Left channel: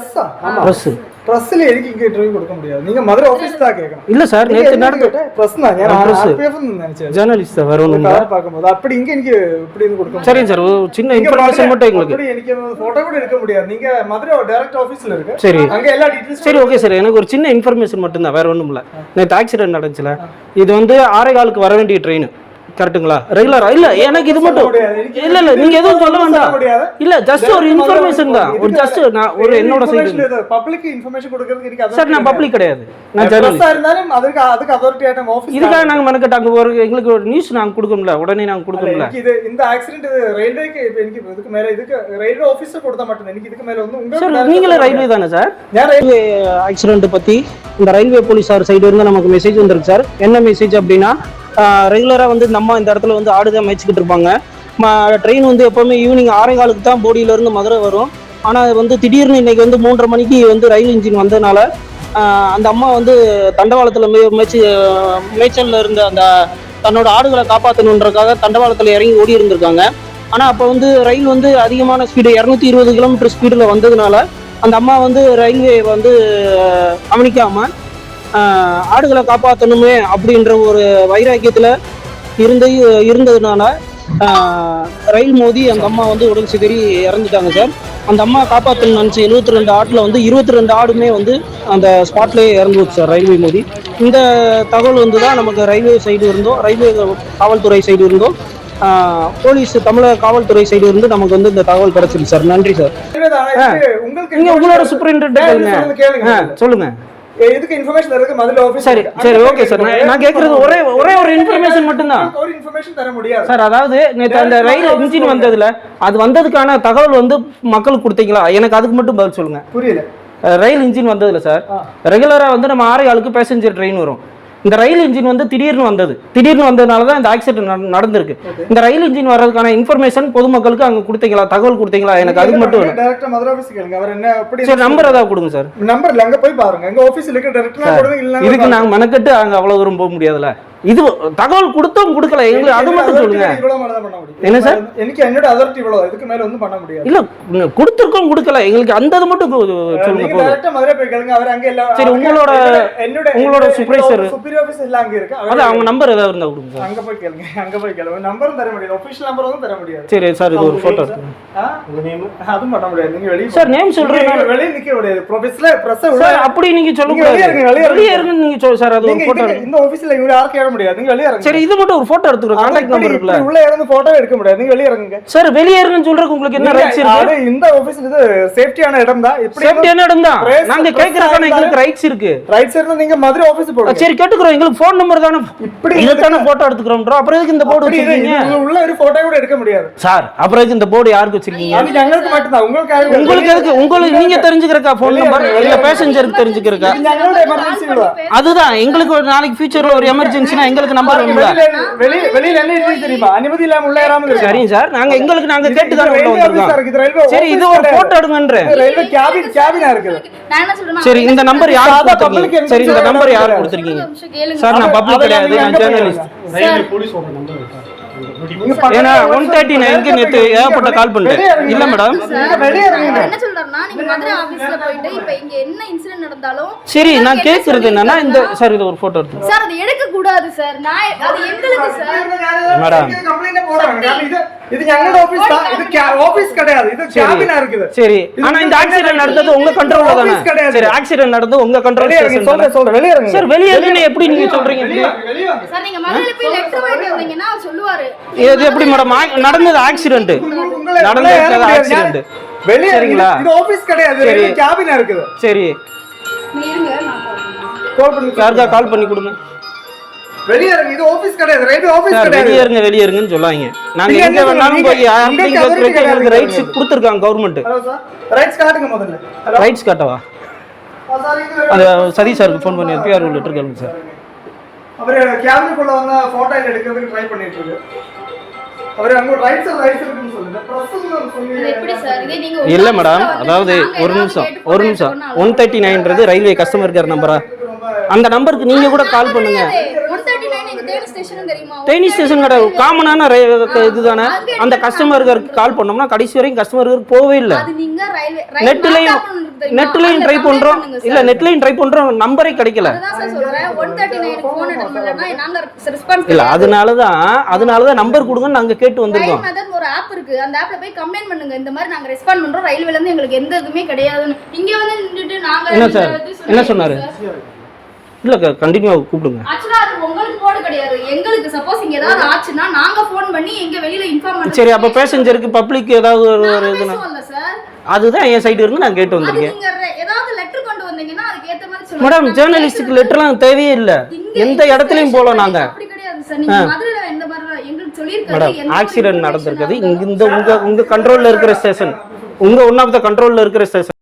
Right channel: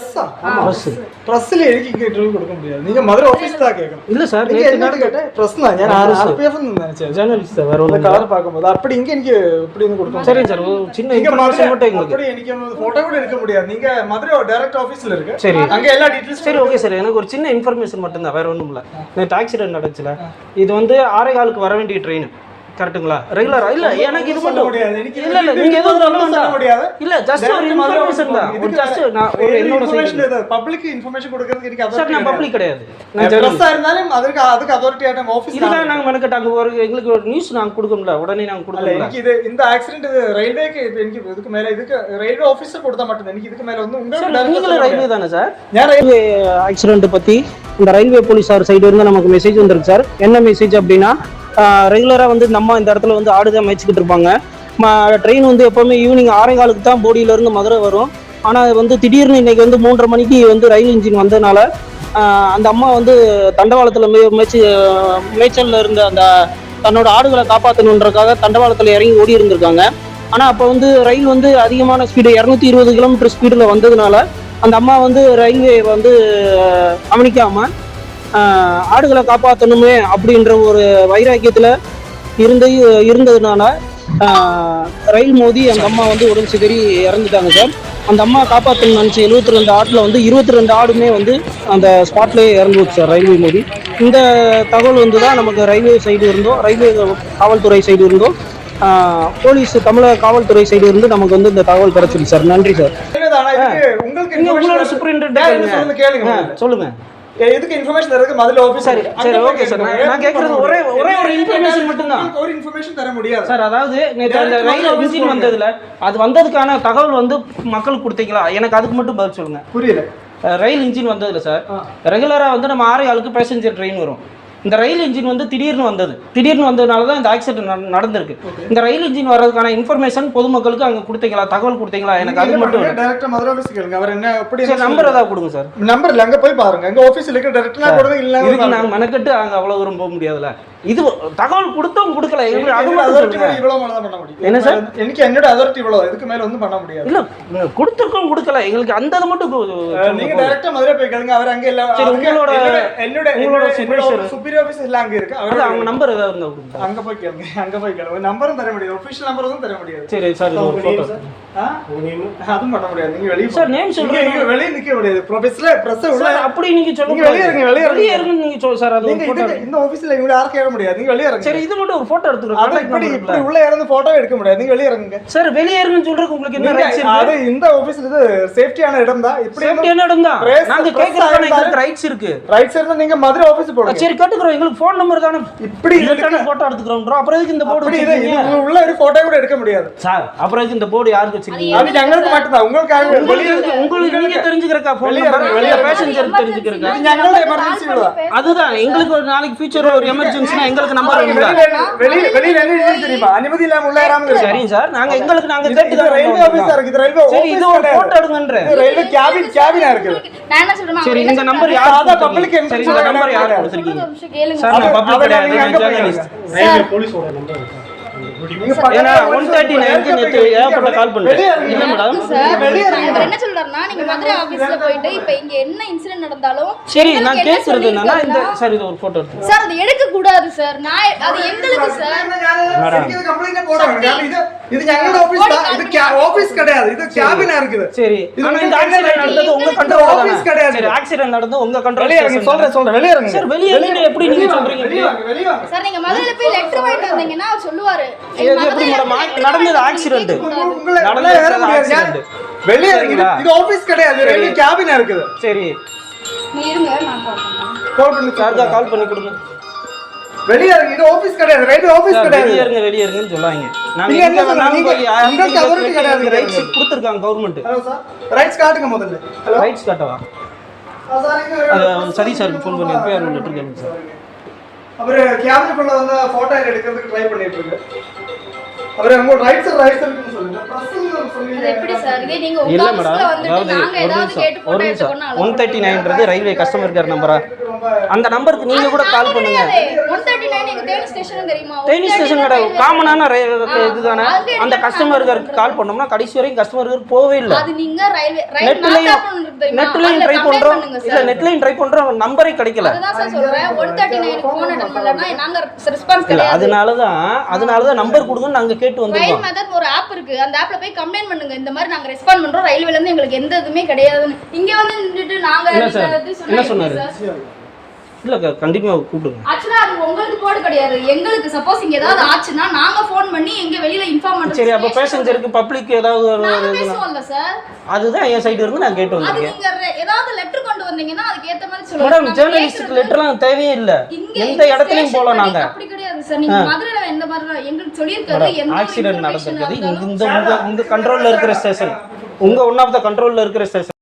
பிரஸ்ஸா ஆமா ப்ரெஸ் பிரஸ்ல എനിക്ക് இங்க இன்டர்வியூ கொடுக்க முடியாது நீங்க மதுரை ஆபீஸ் தான் கேட்கணும் இல்ல சார் நீங்க நேற்று என்ன நடந்த கேட்டேன் பிரஸ் தான் ഞാൻ ആർപിഎഫ് நினைச்சேன் ஜேர்னலிஸ்ட் சார் வேற இந்த ஒன்றும் கார் பார்க்கும்போது அப்படி இங்க எனக்கு இப்படி இருந்து கொடுக்க முடியாது. சரிங்க சார் ஒரு சின்ன நீங்க இன்ஃபர்மேஷன் மட்டும் மதுரை- எங்களுக்கு அப்படி எனக்கு போட்டோ கூட எடுக்க முடியாது நீங்க மதுரை டைரக்ட் ஆபீஸ்ல இருக்கு சரி அங்க எல்லா டீடைல்ஸ் சரி ஓகே சார் எனக்கு ஒரு சின்ன இன்ஃபர்மேஷன் மட்டும்தான் வேற ஒன்றும் இல்லை நேற்று ஆக்சிடென்ட் நடந்துச்சுல இது வந்து ஆறே காலுக்கு வர வேண்டிய ட்ரெயின் கரெக்ட்டுங்களா? ரெகுலரா இல்ல எனக்கு இது மட்டும் இல்ல இல்ல நீங்க எதுவும் சொல்ல வேண்டாம். இல்ல ஜஸ்ட் ஒரு இன்ஃபர்மேஷன் தான். ஜஸ்ட் நான் ஒரு என்னோட பப்ளிக் இன்ஃபர்மேஷன் கொடுக்கிறது எனக்கு சார் நான் பப்ளிக் கிடையாது. நான் ஜர்னலிஸ்டா இருந்தாலும் அதுக்கு அதுக்கு அத்தாரிட்டி ஆட்டம் ஆபீஸ் இதுக்காக நாங்க மெனக்கட்டாங்க ஒரு எங்களுக்கு ஒரு நியூஸ் நாங்க கொடுக்கணும்ல. உடனே நாங்க கொடுக்கணும்ல. இது இந்த ஆக்சிடென்ட் இது ரயில்வேக்கு எனக்கு இதுக்கு மேல இதுக்கு ரயில்வே ஆபீஸர் கொடுத்தா மட்டும் எனக்கு இதுக்கு மேல வந்து உங்க நீங்களே ரயில்வே தானே சார் நான் ரயில்வே ஆக்சிடென்ட் பத்தி இந்த ரயில்வே போலீஸார் சைடு இருந்து நமக்கு மெசேஜ் வந்திருக்கு சார் என்ன மெசேஜ் அப்படின்னா ரெகுலராக வந்து நம்ம இந்த இடத்துல வந்து ஆடு தான் மேய்ச்சிக்கிட்டு இருப்பாங்க ட்ரெயின் வந்து எப்போவுமே ஈவினிங் ஆரங்காலுக்கு தான் போடியிலேருந்து மதுரை வரும். ஆனால் வந்து திடீர்னு இன்னைக்கு வந்து மூன்றரை மணிக்கு வந்து ரயில் இன்ஜின் வந்ததுனால அந்த அம்மா வந்து தண்டவாளத்தில் மே மேய்ச்சி மேய்ச்சலில் இருந்த அந்த தன்னோட ஆடுகளை காப்பாற்றணுன்றக்காக தண்டவாளத்தில் இறங்கி ஓடி இருந்திருக்காங்க. ஆனால் அப்போ வந்து ரயில் வந்து அதிகமான ஸ்பீடு இரநூத்தி இருபது கிலோமீட்டர் ஸ்பீடில் வந்ததுனால அந்த அம்மா வந்து ரயில்வே வந்து கவனிக்காமல் ஆடுகளை காப்பாற்றணுமே அப்படின்ற ஒரு வைராக்கியத்தில் இருந்து இருந்ததுனால ரயில் மோதி அந்த அம்மா வந்து உடல் சிதறி இறந்துட்டாங்க சார். அந்த அம்மா காப்பாற்றணும்னு நினச்சி எழுபத்தி ரெண்டு ஆட்டில் வந்து இருபத்தி ரெண்டு ஆடுமே வந்து அந்த ஸ்பாட்லேயே இறந்து போச்சு சார் ரயில்வே மோதி. இந்த தகவல் வந்து தான் நமக்கு ரயில்வே சைடு இருந்தோம் ரயில்வே காவல்துறை சைடு இருந்தோம் போலீஸ் தமிழக காவல்துறை சைடு இருந்து நமக்கு வந்து இந்த தகவல் கிடைச்சிருக்கு சார். நன்றி சார். உங்களுக்கு உங்களோட. சொல்லுங்க. ஏ, இதுக்கு இன்ஃபர்மேஷன் தரதுக்கு மதுரை ஆபீஸ் சரி சரி ஓகே சார் நான் கேட்கறது ஒரே ஒரே ஒரு இன்ஃபர்மேஷன் மட்டும்தான் ஒரு இன்ஃபர்மேஷன் தர முடியாது சார் அதாவது நேற்று அந்த ரயில் இன்ஜின் வந்ததுல அது வந்ததுக்கான தகவல் வந்து மக்களுக்கு கொடுத்தீங்களா எனக்கு அதுக்கு மட்டும் பதில் சொல்லுங்க புரியல ரயில் இன்ஜின் வந்ததுல சார். ரெகுலரா வந்து நம்ம ஆறு ஆளுக்கு பேசஞ்சர் ட்ரெயின் வரும் இந்த ரயில் இன்ஜின் வந்து திடீர்னு வந்தது. திடீர்னு வந்ததுனால தான் இந்த ஆக்சிடென்ட் நடந்திருக்கு. இந்த ரயில் இன்ஜின் வர்றதுக்கான இன்ஃபர்மேஷன் பொதுமக்களுக்கு அங்க கொடுத்தீங்களா? தகவல் கொடுத்தீங்களா? எனக்கு அது மட்டும் டைரக்டா மதுரை ஆபீஸ் கேளுங்க. அவர் என்ன எப்படி சரி நம்பர் ஏதாவது கொடுங்க சார். நம்பர் இல்ல அங்க போய் பாருங்க. அங்க ஆபீஸ்ல இருக்க டைரக்டா கொடுங்க இல்ல இதுக்கு நாங்க மெனக்கட்டு அங்க அவ்வளவு தூரம் போக முடியாதுல்ல. இது தகவல் கொடுத்தோம் கொடுக்கல. எங்களுக்கு அது மட்டும் சொல்லுங்க இவ்வளவு மேல தான் பண்ண முடியும். என்ன சார்? எனக்கு என்னோட அதாரிட்டி இவ்வளவு. இதுக்கு மேல வந்து பண்ண முடியாது. இல்ல நீங்க கொடுத்துருக்கோம் கொடுக்கல. எங்களுக்கு அந்த இது மட்டும் நீங்க சொல்லுங்க டைரக்டா மதுரை போய் கேளுங்க. அவர் அங்க எல்லாம் உங்களோட- என்னோட- உங்களோட superior. சுப்பீரியர் ஆபீஸ் எல்லாம் அங்க இருக்கு. அவர் அவங்க நம்பர் ஏதாவது இருந்தா கொடுங்க. அங்க போய் கேளுங்க. அங்க போய் கேளுங்க. நம்பரும் தர முடியாது. ஒபிஷியல் நம்பர் வந்து தர முடியாது. சரி சார் இது ஒரு போட்டோ ஆ? அதுவும் பண்ண முடியாது. நீங்க வெளிய சார் நேம் சொல்றேன். நீங்க வெளிய நிக்க முடியாது. ப்ரொஃபஷனல் பிரஸ் அப்படி நீங்க சொல்ல நீங்க வெளிய இருங்க, வெளிய இருங்க. நீங்க சொல்ல சார் அது ஒரு போட்டோ இந்த ஆபீஸ்ல இவங்க யாரும் கேட்க முடியாது. வெளியே சரி இது மட்டும் ஒரு போட்டோ எடுத்துக்கிறோம் உள்ள இருந்து போட்டோ எடுக்க முடியாது. நீங்க வெளியே இறங்குங்க. சார் வெளியே இறங்குன்னு உங்களுக்கு என்ன ரைட்ஸ் இருக்கு? அது இந்த ஆபீஸ் இது சேஃப்டியான இடம் தான் இப்படி சேஃப்டியான இடம் தான் நாங்க கேக்குறதுக்கான எங்களுக்கு ரைட்ஸ் இருக்கு. ரைட்ஸ் இருந்தா நீங்க மதுரை ஆபீஸ் போடுங்க. சரி கேட்டுக்கிறோம். எங்களுக்கு ஃபோன் நம்பர் தானே. இப்படி இதுக்கான போட்டோ எடுத்துக்கிறோம் அப்புறம் எதுக்கு இந்த போர்டு வச்சிருக்கீங்க? உள்ள ஒரு போட்டோ கூட எடுக்க முடியாது. சார் அப்புறம் எதுக்கு இந்த போர்டு யாருக்கு வச்சிருக்கீங்க? அது எங்களுக்கு மட்டும் தான் உங்களுக்கு உங்களுக்கு எதுக்கு? உங்களுக்கு நீங்க தெரிஞ்சுக்கிறக்கா ஃபோன் நம்பர் இல்ல பேசஞ்சருக்கு தெரிஞ்சுக்கிறக்கா? அதுதான். எங்களுக்கு ஒரு நாளைக்கு ஃபியூச்சர்ல ஒரு எமர்ஜென்சி எங்களுக்கு நம்பர் வெளிய வெளியில தெரியுமா? அனுமதி இல்லாம உள்ள வராம இருக்கு சரிங்க சார். நாங்க எங்களுக்கு நாங்க கேட்டு தான் ரயில்வே கொண்டு ஆபீஸா வந்திருக்கோம். இருக்கு இது ரயில்வே சரி இது ஒரு போட்டோ எடுங்கன்றேன். ரயில்வே கேபின் கேபினா இருக்கு. நான் என்ன சொல்றேன்னா சரி இந்த நம்பர் யார் எந்த சரி இந்த நம்பர் யார். கொடுத்திருக்கீங்க? சார் நான் பப்ளிக் கிடையாது. நான் ஜேர்னலிஸ்ட். போலீஸோட நம்பர் இருக்கா? ஏன்னா என்ன சொல்றாருன்னா நீங்க போயிட்டு இப்போ இங்க என்ன இன்சிடென்ட் நடந்தாலும் சரி நான் கேட்கறது எடுக்க கூடாது சார்? நான் இது எங்களோட கிடையாது. சரி. இந்த ஆக்சிடென்ட் நடந்தது உங்க கிடையாது. ஆக்சிடென்ட் நடந்தது உங்க கண்ட்ரோல் வெளிய சொல்றேன் சொல்றேன். வெளிய சார் வெளிய எப்படி நீங்க சொல்றீங்க? சொல்லுவாரு. இது எப்படி மேடம் நடந்தது ஆக்சிடென்ட் நடந்தது accident. வெளிய இறங்க. சரிங்களா? இது ஆபீஸ் கிடையாது. சரி. ரயில்வே கேபினா இருக்குது. சரி. இருங்க கால் பண்ணி சார்க்கா கால் பண்ணி கொடுங்க. வெளிய இறங்க இது ஆபீஸ் கிடையாது. ரயில்வே ஆபீஸ் சார் கிடையாது. வெளியே இருங்க வெளியே இருங்கன்னு சொல்லாங்க நாங்க எங்க என்ன வேணாலும்? போய் authority கிடையாது. ரைட்ஸ் கொடுத்துருக்காங்க கவர்மெண்ட் ஹலோ சார் ரைட்ஸ் காட்டுங்க முதல்ல. Hello rights காட்டவா? சார் இங்க அது சரி சாருக்கு ஃபோன் பண்ணி பிஆர் லெட்டர் கேளுங்க சார் அவரு கேபினுக்குள்ள வந்து போட்டோ எடுக்கிறதுக்கு ட்ரை பண்ணிட்டு இருக்கு அவரு அங்க ரைட்ஸ் ரைட்ஸ் இருக்குன்னு சொல்லுங்க. பிரஸ் இது சொன்னீங்க எப்படி சார் இதே நீங்க உங்க இல்ல office மேடம் அதாவது ஒரு நிமிஷம் ஒரு நிமிஷம். எடுத்துக்கணும்னா ஒன் தேர்ட்டி நைன்றது ரயில்வே கஸ்டமர் கேர் நம்பரா அந்த நம்பருக்கு நீங்க கூட கால் பண்ணுங்க. தேனி தேனி ஸ்டேஷன் கிடையாது காமனான இதுதானே? அந்த கஸ்டமருக்கு கால் பண்ணோம்னா கடைசி வரைக்கும் இல்லை. அது நீங்க ரயில்வே ரயில் நெட்லயும்? நெட்லயும் ட்ரை பண்றோம். இல்ல. நெட்லயும் ட்ரை பண்றோம். நம்பரே கிடைக்கல. அதுதான் சார் சொல்றேன். One thirty nine phone attend பண்ணலன்னா நாங்க ரெஸ்பான்ஸ் இல்ல கிடையாது. அதனாலதான் அதனாலதான் நம்பர் கொடுங்கன்னு நாங்க கேட்டு வந்திருக்கோம் ஒரு ஆப் இருக்கு. அந்த ஆப்ல போய் கம்ப்ளைண்ட் பண்ணுங்க. இந்த மாதிரி நாங்க ரெஸ்பாண்ட் பண்றோம். ரயில்வேல இருந்து எங்களுக்கு எந்த இதுவுமே கிடையாதுன்னு. இங்க வந்து நின்னுட்டு நாங்க என்ன சொன்னாரு? இல்ல கண்டிப்பா கூப்பிடுங்க. ஆக்சுவலா அது உங்களுக்கு போர்டு கிடையாது. எங்களுக்கு சப்போஸ் இங்க ஏதாவது ஆச்சுன்னா நாங்க ஃபோன் பண்ணி எங்க வெளியில இன்ஃபார்ம் பண்றோம். சரி அப்ப பேசஞ்சருக்கு பப்ளிக் ஏதாவது ஒரு சார் அதுதான் என் சைடு இருந்து நான் கேட்டு வந்திருக்கேன். நீங்க ஏதாவது லெட்டர் கொண்டு வந்தீங்கன்னா அதுக்கு ஏத்த மாதிரி சொல்லுங்க. மேடம் ஜேர்னலிஸ்டுக்கு லெட்டர்லாம் தேவையே இல்ல. எந்த இடத்துலயும் போல நாங்க. அப்படி கிடையாது சார் நீங்க மதுரையில எந்த மாதிரி எங்களுக்கு ஒரு ஆக்சிடென்ட் நடந்திருக்குது. இந்த உங்க உங்க கண்ட்ரோல்ல இருக்கிற ஸ்டேஷன் உங்க ஒன் ஆஃப் த கண்ட்ரோல்ல இருக்கிற ஸ்டேஷன்